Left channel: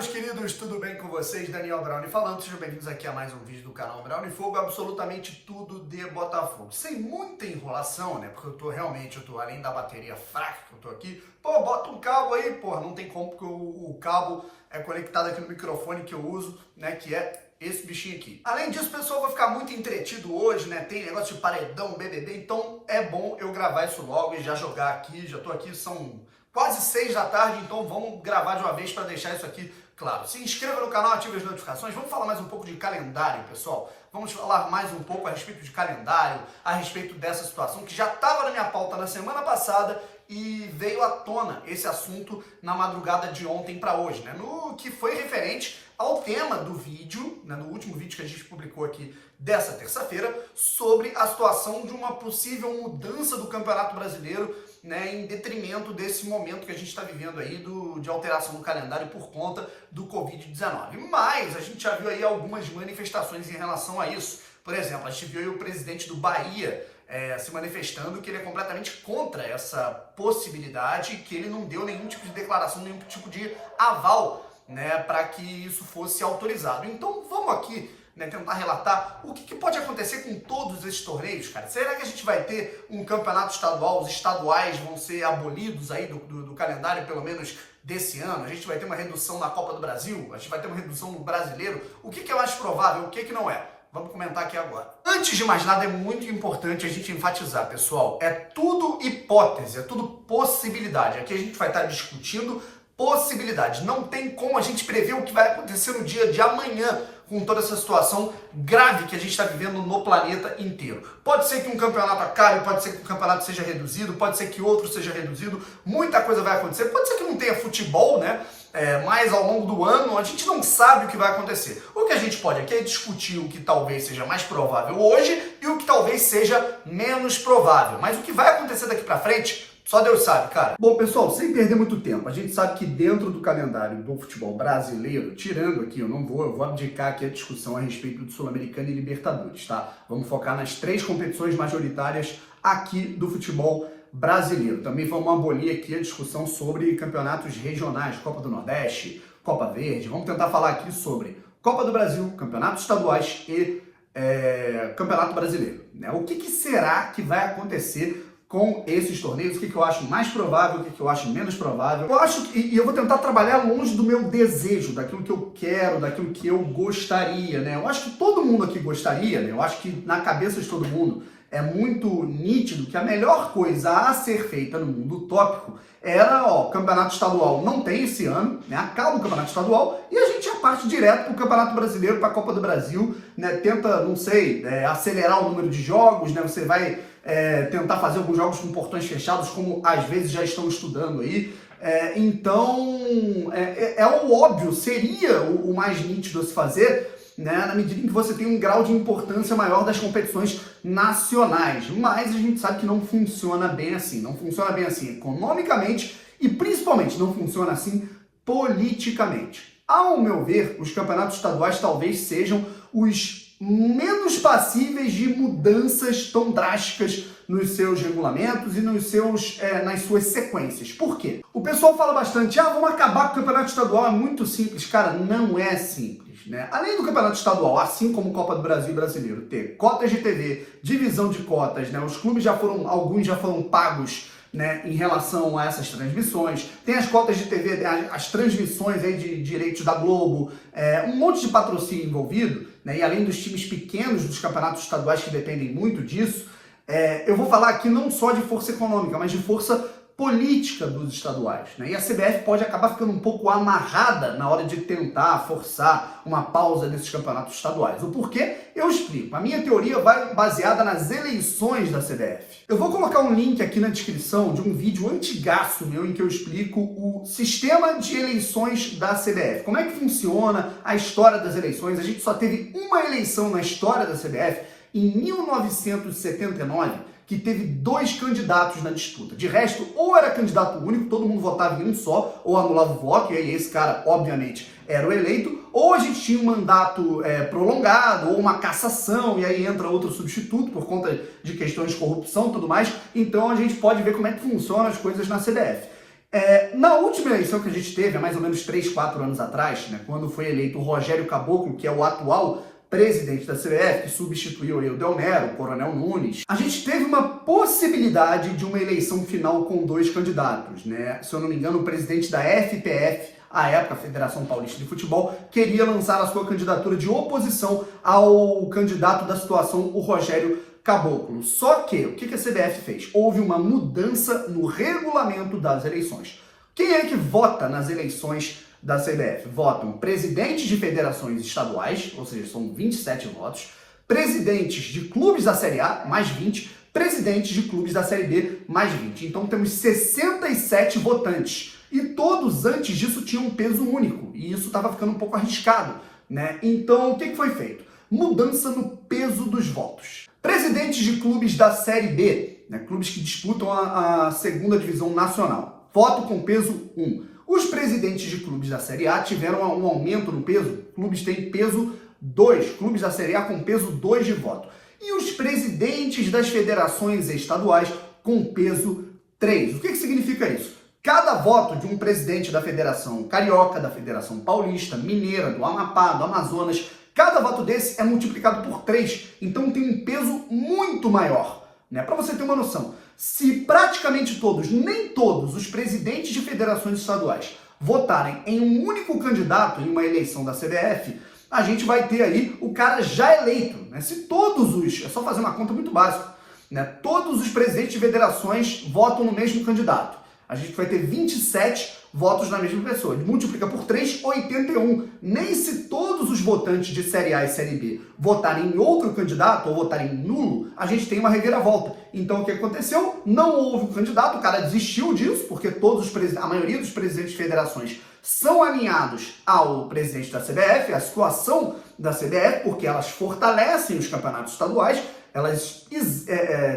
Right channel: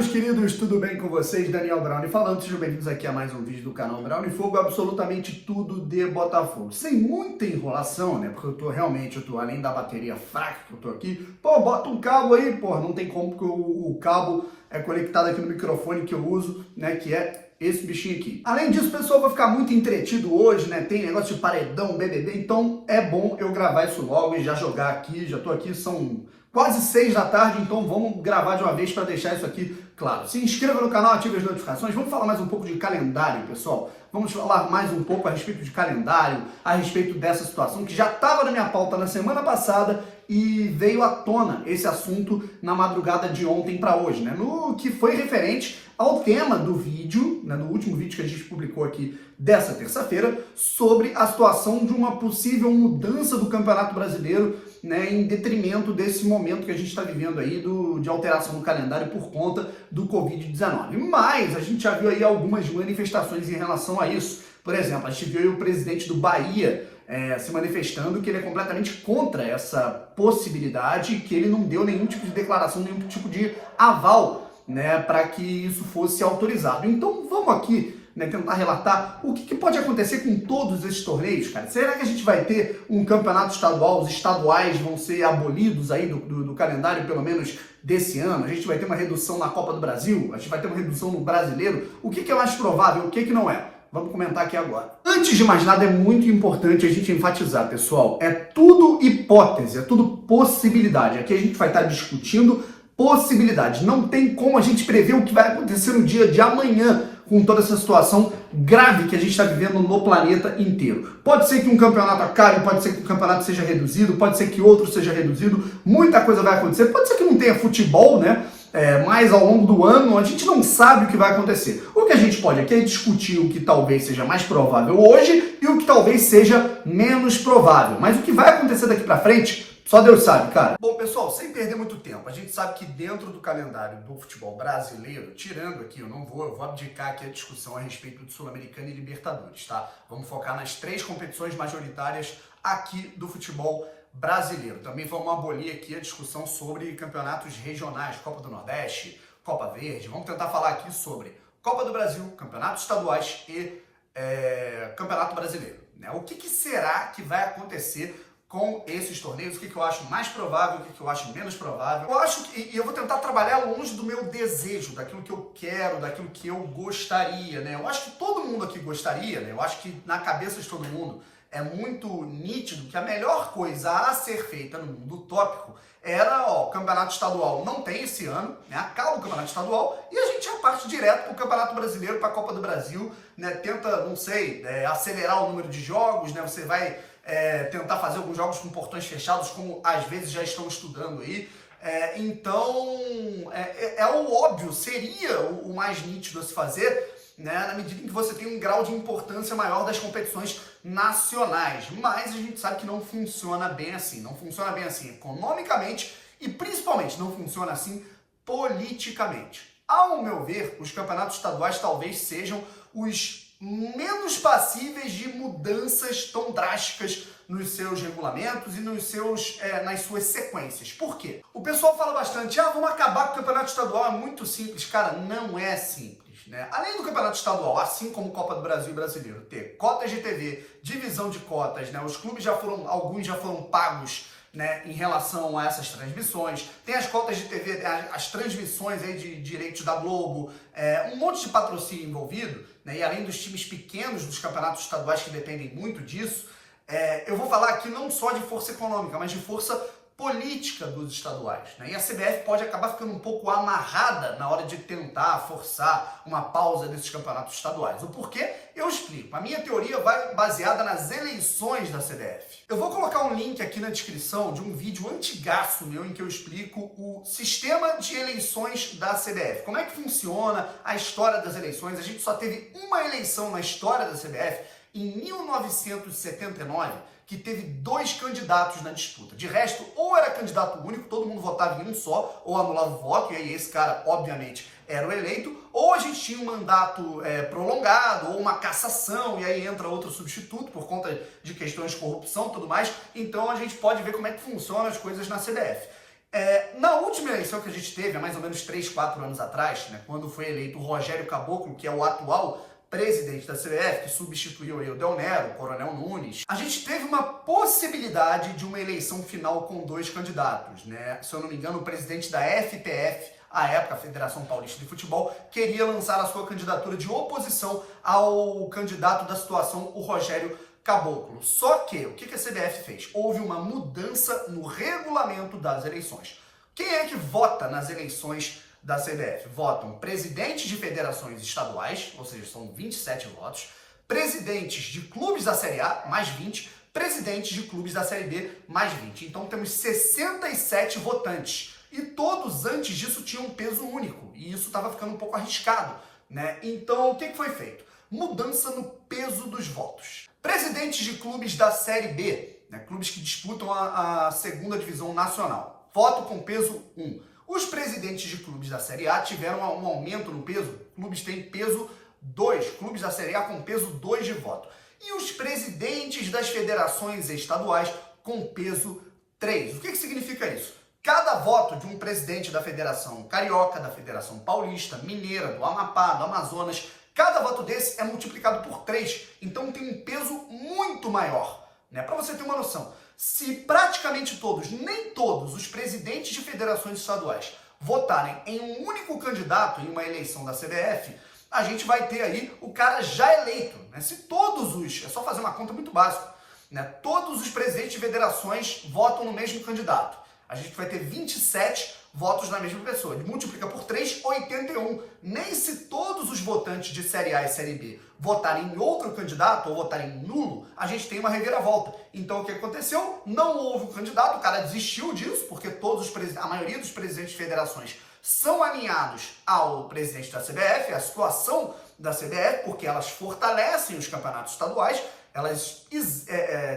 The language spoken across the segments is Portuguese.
meus queridos, tudo bem com vocês? Daniel Brownie falando, sejam bem-vindos aqui a mais um vídeo do canal Brownie Fogo, absolutamente tudo de Botafogo. Sem muita enrolação, né? Porque eu tô além da bateria fraca que eu tô aqui, bota um cabo aí, não tem como, porque o cabo é conectado aqui no microfone que eu uso, né? Que é esse bichinho aqui. Além disso, o pessoal vai ficar muito entretido hoje, né? Tem negócio de paredão, BBB, então é bom eu gravar isso logo e já jogar aqui. Já tô aqui, são quase 6 da tarde, então vamos gravar de uma vez para deixar isso aqui claro. Se inscreva no canal, ative as notificações. Vamos falar mais um pouco de calendário, pessoal. Vamos falar mais um pouco a respeito de calendário, a respeito dessa situação que já estava na minha pauta na semana passada e veio à tona esse assunto na madrugada de ontem para hoje, né? No que foi referente ao tema do vídeo, né, no último vídeo que a gente publicou aqui dessa terça-feira, sobre a situação de uma possível mudança do Campeonato Brasileiro, né, em detrimento desse momento que a gente está vivendo aí de alteração no calendário por conta do Covid-19. Mas a gente já viu aí algumas manifestações em relação a isso. Por exemplo, a gente viu aí o presidente do Bahia se manifestando que ele é completamente contra essa possibilidade, que ele não deu nenhum tipo de declaração, nenhum tipo de aval, né, para que isso fosse autorizado. Então vamos aqui, né, tentar relatar o que pode acontecer com todos esses torneios, cara. Será que a gente vai ter um campeonato estadual, os estaduais vão ser abolidos aí do calendário, pelo menos desse ano? A gente vai ter uma redução na Copa do Brasil? A gente vai ter uma redução no Brasileiro? O que é mais provável? O que não é? Vamos comentar aqui agora. Antes de mais nada, é muito importante a gente enfatizar, pessoal, é tudo hipótese, é tudo possibilidade. Aqui a gente vai estar discutindo possibilidades. Não tem como a gente prever o que vai acontecer no dia de amanhã com toda essa situação grave que a gente está vivendo no planeta inteiro. Pode ser que um campeonato acabe, pode ser que um campeonato seja reduzido, pode ser que outro seja reduzido, muita coisa vai acontecer. Pode ser que não tenha futebol, né? Mas ao longo do ano a gente não sabe o que vai acontecer. O que a gente pode aqui é discutir o que talvez seja mais provável hoje e o que talvez seja menos provável. Mas o que vai acontecer daqui para frente, só Deus sabe, cara. Bom, pessoal, sem perder muito tempo, a gente sabe que dentro do calendário do futebol brasileiro, tirando aqui, eu vou abdicar aqui a discussão a respeito do Sul-Americano e Libertadores, tá? Vamos focar nas 3 competições majoritárias aqui do futebol brasileiro. Também vamos abolir aqui a discussão sobre campeonatos regionais, Copa do Nordeste, Copa Verde. Vamos tentar falar aqui sobre Copa do Brasil, campeonatos estaduais e Campeonato Brasileiro, né? O que será que vai acontecer com esses torneios? O que eu acho mais provável, o que eu acho menos provável. Eu acho que, e eu vou tentar trabalhar longe do meu desejo, daquilo que eu quero, daquilo que eu gostaria, né? Eu acho que todo mundo aqui gostaria, né? Eu acho que na cabeça de todo mundo é muito nítido que a melhor coisa a ser feita no mundo utópico era, campeonato estadual não tem esse ano, né? Acaba o campeonato estadual e a gente já parte direto para o Campeonato Brasileiro, para a Copa do Brasil, né? Tenta, não sei, acelerar o número de jogos, né? Você vai tentar fazer alguns jogos com portões fechados, como às vezes já estão estudando aí. Então, é o óbvio, seria o mais nítido a se fazer, né, na medida em que você tem um grau de importância maior das competições nacionais. Mas a gente sabe que não funciona bem assim. Não funciona bem assim economicamente e, principalmente, não funciona assim politicamente. Ao meu ver, os campeonatos estaduais talvez sejam os menos passíveis de mudanças tão drásticas nos seus regulamentos e nas suas sequências. Por quê? O pessoal fala bastante, vamos acabar com o campeonato estadual, é muito simples. Cara, não é simples, né? Além do campeonato estadual, assim como Copa do Brasil e Brasileiro, ter cotas de TV, divisão de cotas, né? Os clubes alguns já foram pagos, né, em relação a essas transmissões, tem as cotas de TV, as transmissões aí de direitos da Globo, um monte de patrocínio envolvido, né, e além dos times pequenos dos campeonatos estaduais que dependem muito disso, eu vou falar aqui não só de força econômica, mas de força política dos estaduais, né? E a CBF pode acabar ficando um pouco amarrada na hora de tentar forçar uma pausa desses campeonatos estaduais. O porquê? Eu explico. A minha teoria vai baseada nas eleições da CBF. Eu vou colocar um link aqui na descrição de um vídeo antigaço meu em que eu explico o sistema de eleições da CBF. Como é que funciona a história das eleições? A gente só teve uma eleição na história da CBF em 1979, que teve 2 candidatos na disputa. De resto, ou era candidato único, todo mundo votava em um só, ou anulava o voto, e aí esse cara, obviamente, era o eleito, ou a gente tinha um mandato prolongado, ou uma cassação, e aí entra outro substituto por conta de questões de corrupção e tudo mais. Então a gente pode ver como é que funcionam as coisas na CBF. Na última eleição que a gente teve, há mais ou menos 3, 4 anos atrás, né, quando foi eleito o Rogério Caboclo, que é o atual presidente da CBF, que substituiu o Del Nero, o Coronel Nunes, a gente teve uma possibilidade de uma eleição final com 2 candidatos, né? Se eu não me engano, o presidente da FPF, à época, a Federação Paulista de Futebol, queria lançar a sua candidatura de oposição ao candidato da situação, o Rogério Caboclo. Só que, o que a CBF fez? Houve uma mudança no regulamento das eleições. Quem é que vota nas eleições da CBF? Votam presidentes de federações estaduais, ou seja, são 27 votos, presidentes de clubes da Série A, mais 20, presidentes de clubes da Série B, mais 20. Então temos 67 votantes. E todos antes disso tinham um peso único, e isso estava ficando um pouco arriscado, né? Então o que foi feito? Mudança no peso dos votos. Presidentes de clubes da Série B, né, clubes que disputam a segunda divisão nacional, voto com peso 1. Os presidentes de clubes da Série A tiveram um aumento no peso, clubes têm peso 2, clubes da Série A com peso 2 de voto. E os presidentes das federações estaduais com peso 3. O que significa isso? Cada voto de um presidente da Federação Carioca, da Federação Paulista, Mineira, do Amapá, do Amazonas, cada voto desse é multiplicado por 3, então tem um peso muito maior, né? Para você ter uma noção, se praticamente todos, nem todos os presidentes de federações estaduais votarem em um único candidato em uma eleição da CBF, a gente vai ter aí o cara já eleito, né? Se todos os, é só fazer uma conta muito básica, né? Todos os presidentes de federações votam no mesmo candidato, a gente vai ter 27 votos na mesma pessoa. Ele multiplica por 3, 81. Nem se todos os votantes de Série A e Série B votarem em outro candidato ou votarem nulo, a gente tem uma reviravolta. Então o que aconteceu? Não houve um candidato, o cara desistiu disso, porque a maioria dos presidentes de federações são alinhados ao presidente da CBF, à situação da CBF, porque elas fortalecem os campeonatos estaduais, elas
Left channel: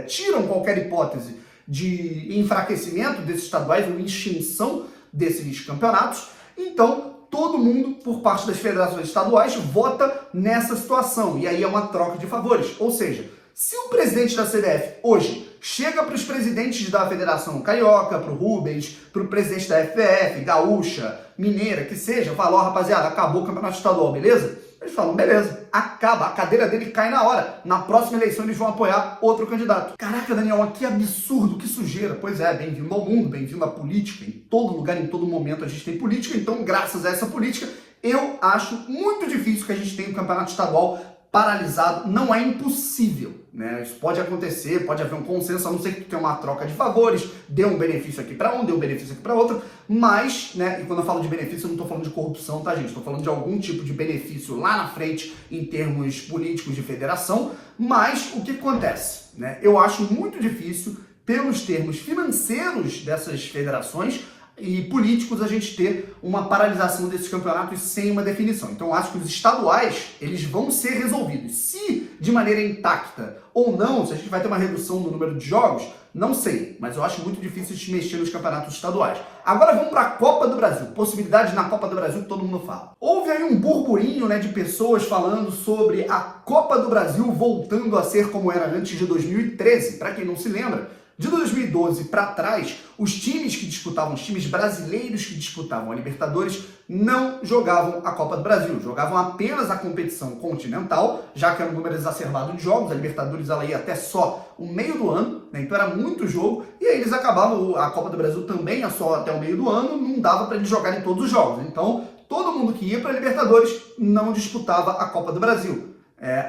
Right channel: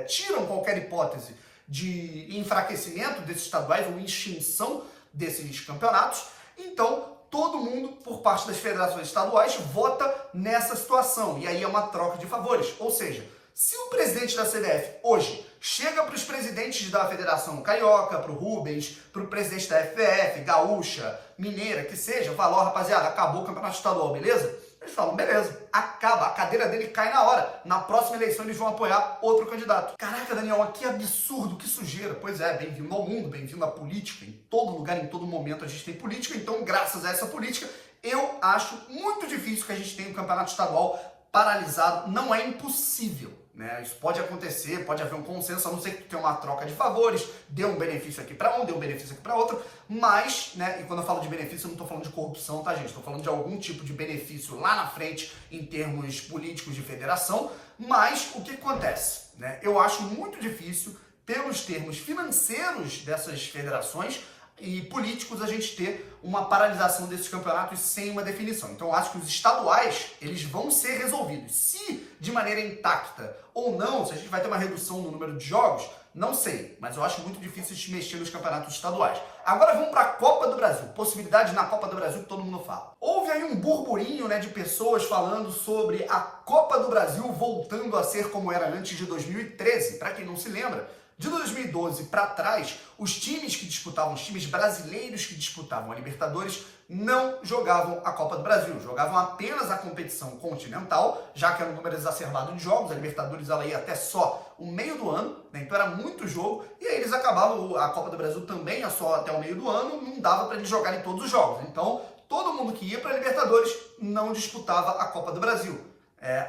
tiram qualquer hipótese de enfraquecimento desses estaduais ou extinção desses campeonatos. Então, todo mundo, por parte das federações estaduais, vota nessa situação. E aí é uma troca de favores. Ou seja, se o presidente da CBF hoje chega para os presidentes da Federação Carioca, para o Rubens, para o presidente da FPF, Gaúcha, Mineira, que seja, fala, ó, rapaziada, acabou o campeonato estadual, beleza? Eles falam, beleza, acaba, a cadeira dele cai na hora. Na próxima eleição eles vão apoiar outro candidato. Caraca, Daniel, que absurdo, que sujeira. Pois é, bem-vindo ao mundo, bem-vindo à política. Em todo lugar, em todo momento a gente tem política, então graças a essa política, eu acho muito difícil que a gente tenha um campeonato estadual paralisado. Não é impossível, né? Isso pode acontecer, pode haver um consenso, a não ser que tenha uma troca de favores, dê um benefício aqui para um, dê um benefício aqui para outro, mas, né, e quando eu falo de benefício, eu não estou falando de corrupção, tá, gente? Estou falando de algum tipo de benefício lá na frente, em termos políticos de federação, mas o que acontece, né? Eu acho muito difícil, pelos termos financeiros dessas federações e políticos, a gente ter uma paralisação desses campeonatos sem uma definição. Então eu acho que os estaduais, eles vão ser resolvidos. Se de maneira intacta ou não, se a gente vai ter uma redução no número de jogos, não sei, mas eu acho muito difícil de mexer nos campeonatos estaduais. Agora vamos para a Copa do Brasil, possibilidades na Copa do Brasil que todo mundo fala. Houve aí um burburinho, né, de pessoas falando sobre a Copa do Brasil voltando a ser como era antes de 2013. Para quem não se lembra, de 2012 para trás, os times que disputavam, os times brasileiros que disputavam a Libertadores, não jogavam a Copa do Brasil, jogavam apenas a competição continental, já que era um número exacerbado de jogos, a Libertadores ela ia até só o meio do ano, né? Então era muito jogo, e aí eles acabavam, a Copa do Brasil também ia só até o meio do ano, não dava para eles jogarem todos os jogos. Então, todo mundo que ia para a Libertadores não disputava a Copa do Brasil.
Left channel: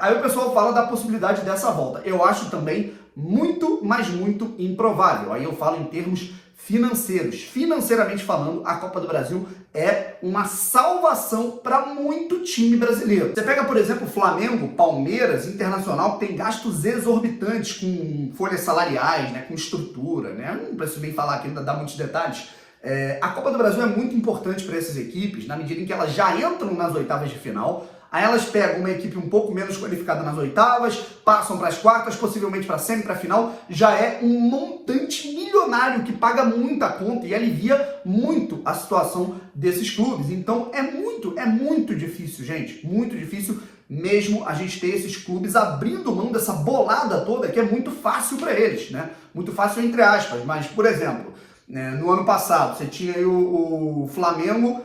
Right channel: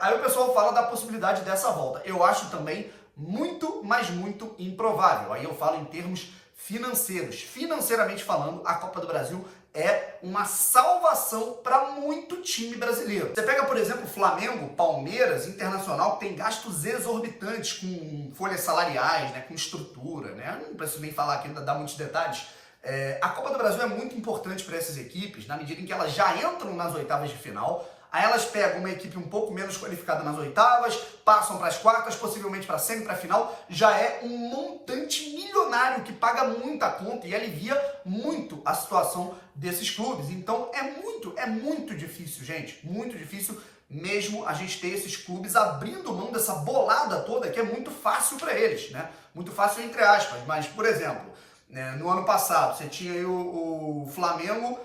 Aí o pessoal fala da possibilidade dessa volta. Eu acho também muito, mas muito improvável. Aí eu falo em termos financeiros. Financeiramente falando, a Copa do Brasil é uma salvação para muito time brasileiro. Você pega, por exemplo, Flamengo, Palmeiras, Internacional, que tem gastos exorbitantes com folhas salariais, né, com estrutura, né? Não preciso nem falar aqui, ainda dá muitos detalhes. A Copa do Brasil é muito importante para essas equipes, na medida em que elas já entram nas oitavas de final. Aí elas pegam uma equipe um pouco menos qualificada nas oitavas, passam para as quartas, possivelmente para a semi, para a final. Já é um montante milionário que paga muita conta e alivia muito a situação desses clubes. Então é muito difícil, gente. Muito difícil mesmo a gente ter esses clubes abrindo mão dessa bolada toda que é muito fácil para eles, né? Muito fácil entre aspas, mas, por exemplo, né? No ano passado, você tinha aí o Flamengo.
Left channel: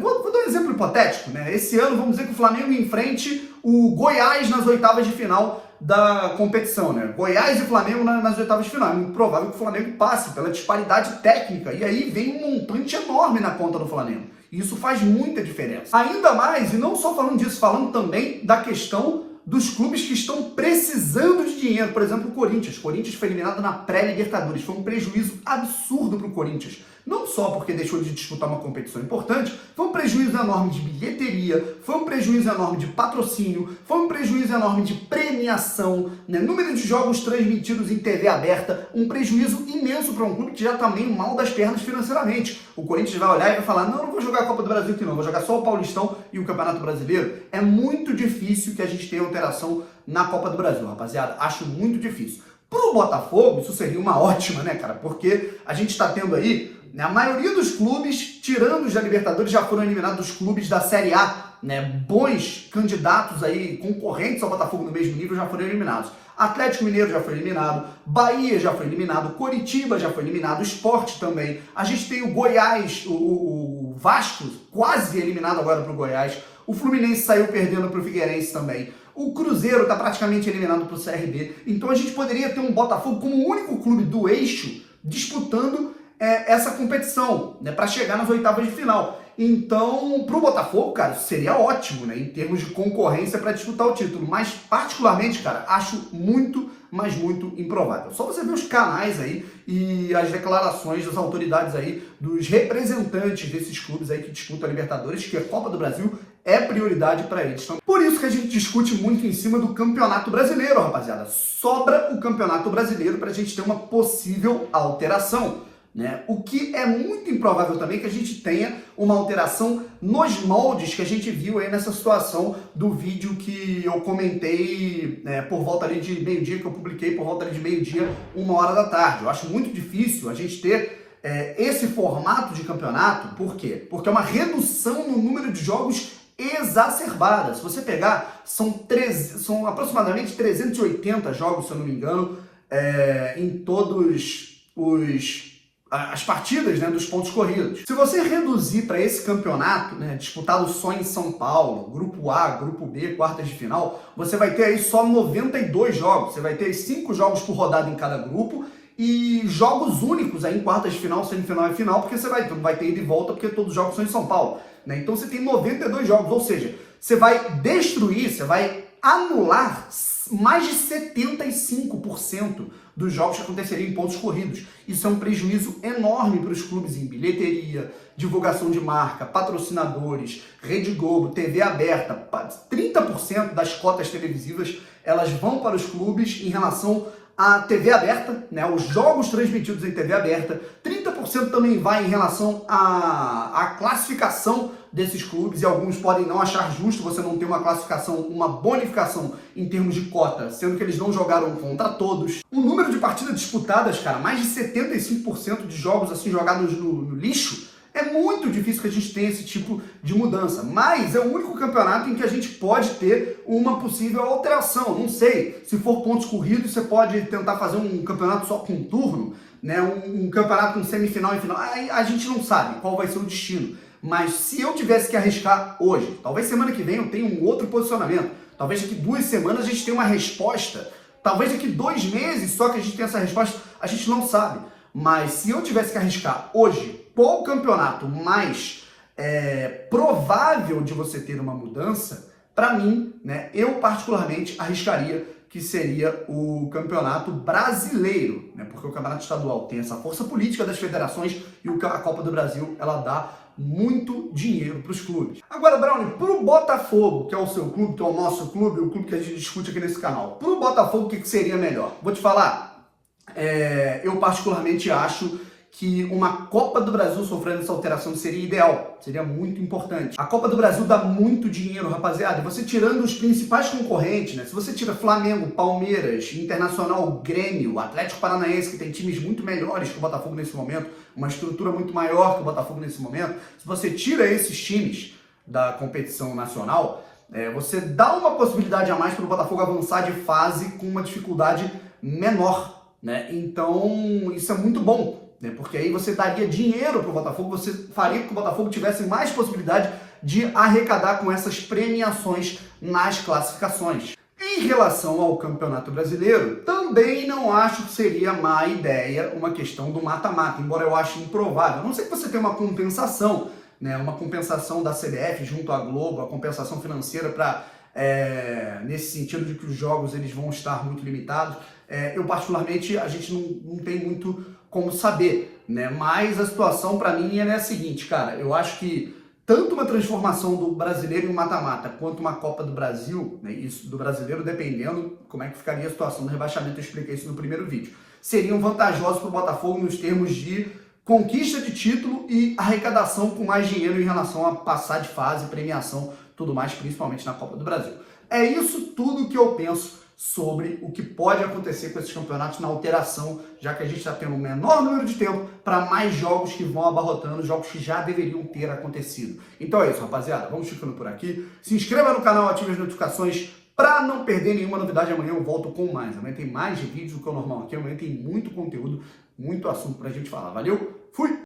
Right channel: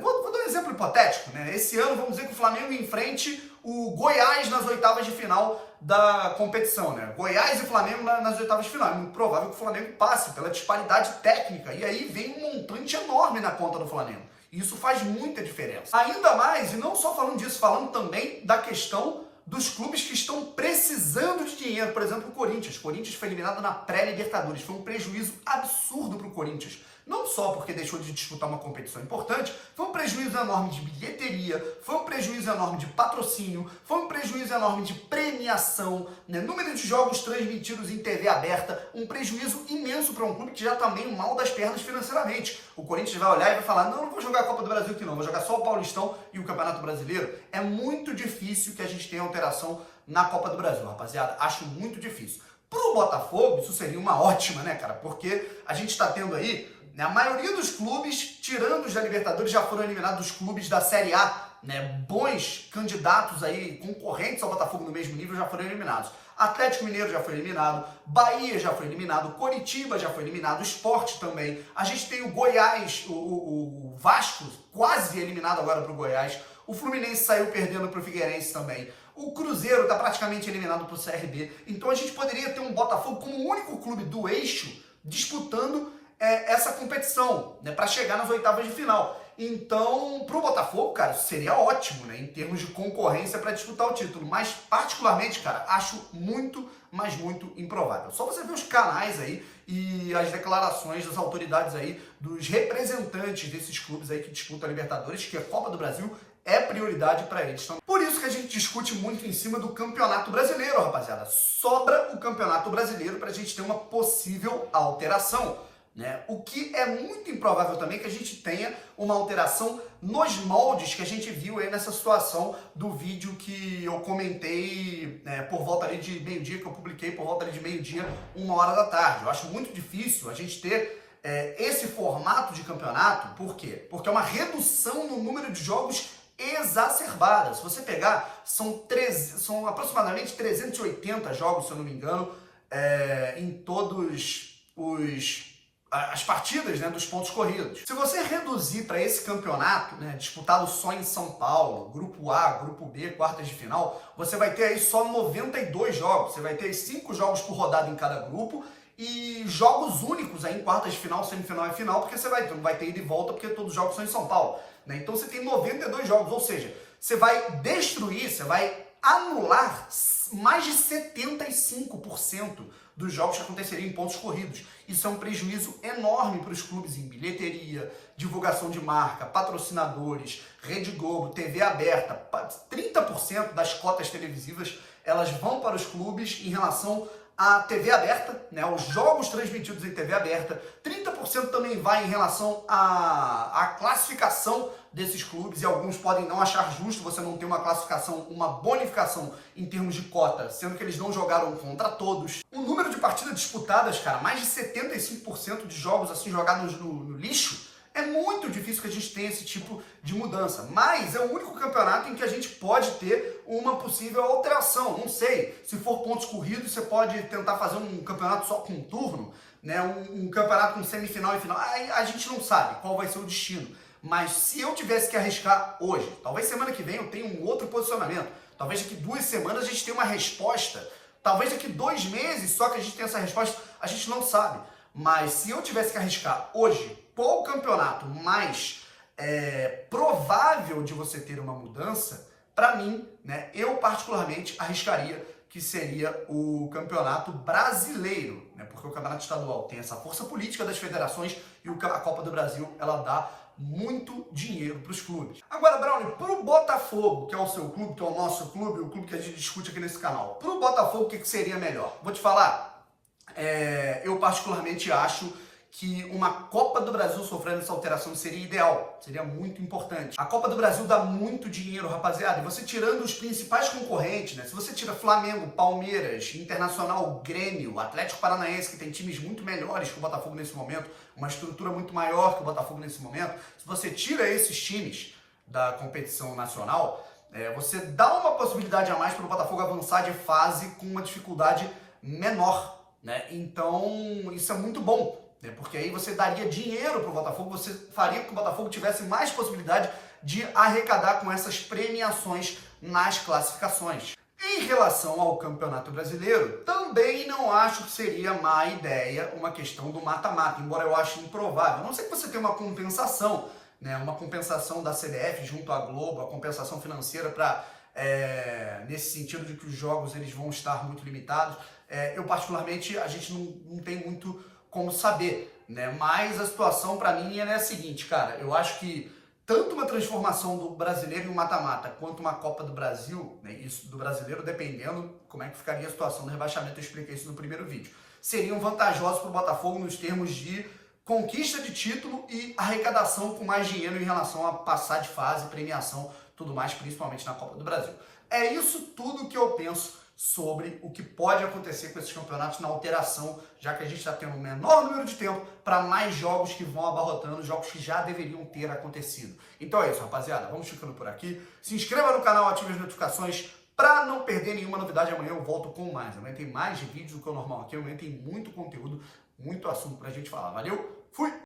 Vou dar um exemplo hipotético, né? Esse ano, vamos dizer que o Flamengo enfrente o Goiás nas oitavas de final da competição, né? Goiás e Flamengo nas oitavas de final. É muito provável que o Flamengo passe pela disparidade técnica. E aí vem um montante enorme na conta do Flamengo. E isso faz muita diferença. Ainda mais, e não só falando disso, falando também da questão dos clubes que estão precisando de dinheiro. Por exemplo, o Corinthians. O Corinthians foi eliminado na pré-Libertadores. Foi um prejuízo absurdo para o Corinthians. Não só porque deixou de disputar uma competição importante, foi um prejuízo enorme de bilheteria, foi um prejuízo enorme de patrocínio, foi um prejuízo enorme de premiação, né? Número de jogos transmitidos em TV aberta, um prejuízo imenso para um clube que já está meio mal das pernas financeiramente. O Corinthians vai olhar e vai falar, não vou jogar a Copa do Brasil aqui não, vou jogar só o Paulistão e o Campeonato Brasileiro. É muito difícil que a gente tenha alteração na Copa do Brasil, rapaziada. Acho muito difícil. Pro Botafogo, isso seria uma ótima, né, cara? Porque a gente está tendo aí, né, a maioria dos clubes, tirando os da Libertadores, já foram eliminados dos clubes da Série A, né? Bons candidatos aí, concorrentes ao Botafogo no mesmo nível, já foram eliminados. Atlético Mineiro já foi eliminado, Bahia já foi eliminado, Coritiba já foi eliminado, Sport também. A gente tem o Goiás, o Vasco quase eliminado agora pro Goiás. O Fluminense saiu perdendo pro Figueirense também. O Cruzeiro está praticamente eliminado pro CRB. Então a gente poderia ter um Botafogo como o único clube do eixo disputando essa competição, né, para chegar nas oitavas de final. Então, pro Botafogo, cara, isso seria ótimo, né, em termos de concorrência para disputar o título. Mas, particularmente, cara, acho muito, mas muito improvável. Só você ver os canais aí e as declarações das autoridades aí, dos representantes desses clubes aí que disputam a Libertadores, que a Copa do Brasil é prioridade para eles. Então, por isso que a gente discute muito em cima do Campeonato Brasileiro, rapaziada. Sobra o Campeonato Brasileiro para a gente ter uma possível alteração, né? O que é muito improvável também que a gente tenha uma alteração nos moldes que a gente viu aí nessa situação do vídeo que eu comentei, né, por volta ali de meio-dia, que eu publiquei por volta ali de meio-dia, 1h da tarde. Eu acho muito difícil a gente ter esse formato de campeonato. Por quê? Porque é uma redução no número de jogos exacerbada. Se você pegar, são aproximadamente 380 jogos, se eu não me engano, em todos as partidas, né, dos pontos corridos. Se você reduzir para esse campeonato, né, disputado só em São Paulo, grupo A, grupo B, quartas de final, você vai ter aí só 92 jogos. Você vai ter 5 jogos por rodada em cada grupo e jogos únicos aí em quartas de final, semifinal e final, porque você não vai ter ida e volta, porque todos os jogos são em São Paulo, né? Então você tem 92 jogos, ou seja, você vai destruir, você vai anular mais de 75% dos jogos que aconteceriam em pontos corridos. Isso é um prejuízo enorme para os clubes em bilheteria, divulgação de marca, patrocinadores, Rede Globo, TV aberta. 30% das cotas televisivas elas vão para os clubes em relação à TV aberta, né? Os jogos transmitidos em TV aberta. 30% também vai em relação à classificação desses clubes, e alguns podem não achar justo você não ter uma classificação, uma bonificação em termos de cota, sendo que eles não jogaram contra todos. O número de partidas disputadas, cara, mais de 75% de jogos assim jogados no lixo. É muito difícil que a gente tenha esse tipo de mudança, mas é o único campeonato em que a gente pode ter uma possível alteração. Não sei, se for pontos corridos, você pode tentar fazer um campeonato só com um turno, né? Um campeonato com semifinal e final. Aí a gente não sabe qual vai ser o destino. Mas se eu tivesse que arriscar hoje, talvez semana que vem eu tenha um outro posicionamento, talvez daqui 2 semanas a gente tenha uma resposta, talvez daqui 2 meses só que a gente tenha essa resposta, a gente não sabe. Mas se eu tivesse que arriscar hoje, qual o campeonato mais provável de você ter uma mudança, para mim, né, eu particularmente arriscaria que seria o Campeonato Brasileiro, né, porque o Campeonato Estadual tem essa força política das federações e a Copa do Brasil, ela dá muito dinheiro para os clubes. Agora, Brownie, para o Botafogo, que é o seu clube, que é o nosso clube, o clube que a gente discute aqui nesse canal, para o Botafogo, o que seria melhor? Vou te falar, eu particularmente acho que uma Copa do Brasil sofrendo essa alteração seria ideal, seria muito importante. A Copa do Brasil dá muito dinheiro, rapaziada, e você tirando os principais concorrentes, né? Se você tira Flamengo, Palmeiras, Internacional, Grêmio, Atlético Paranaense, que tem times muito melhores que o Botafogo nesse momento, uma estrutura muito maior que o Botafogo nesse momento, se você tira esses times da competição nacional, você dá uma possibilidade a mais para o Botafogo avançar de fase com uma dificuldade menor, né? Então, isso é muito bom né? Porque aí você daria dinheiro para o Botafogo, você faria com que o Botafogo tivesse mais possibilidade de arrecadar com essas premiações nas classificações. Em relação ao Campeonato Brasileiro, também não acho que seria má ideia uma questão do mata-mata, embora eu ache improvável. A não ser que você tenha uma compensação, né? Uma compensação da CBF junto à Globo, a compensação financeira para nesse sentido de que os jogos eles vão estar muito limitados. Eu particularmente, a gente não tem muito como saber, né? Mas a situação para mim é a seguinte, cara, eu acho que tanto uma transformação do brasileiro em um mata-mata, quanto uma Copa do Brasil, né, isso do brasileiro, dependendo como é que ficaria a situação do rebaixamento, eu expliquei isso no primeiro vídeo, seriam vantajosos para o Botafogo nos termos de conquista de título e arrecadação com mais dinheiro em relação a passar de fase, premiação, tudo mais, principalmente na Copa do Brasil. É isso tudo que eu penso sobre o que pode acontecer com esses campeonatos na alteração, já que a gente está tendo um menor número de tempo para mais jogos que vão abarrotando, jogos que já deveriam ter acontecido. Então é isso, rapaziada. Vamos ficando por aqui. Se inscreva no canal, ative as notificações para não perder nenhuma novidade. Amanhã eu volto com mais. Amanhã tem mais vídeos do que o normal aqui. Amanhã tem muito conteúdo, muito assunto para a gente falar. Valeu? Fui!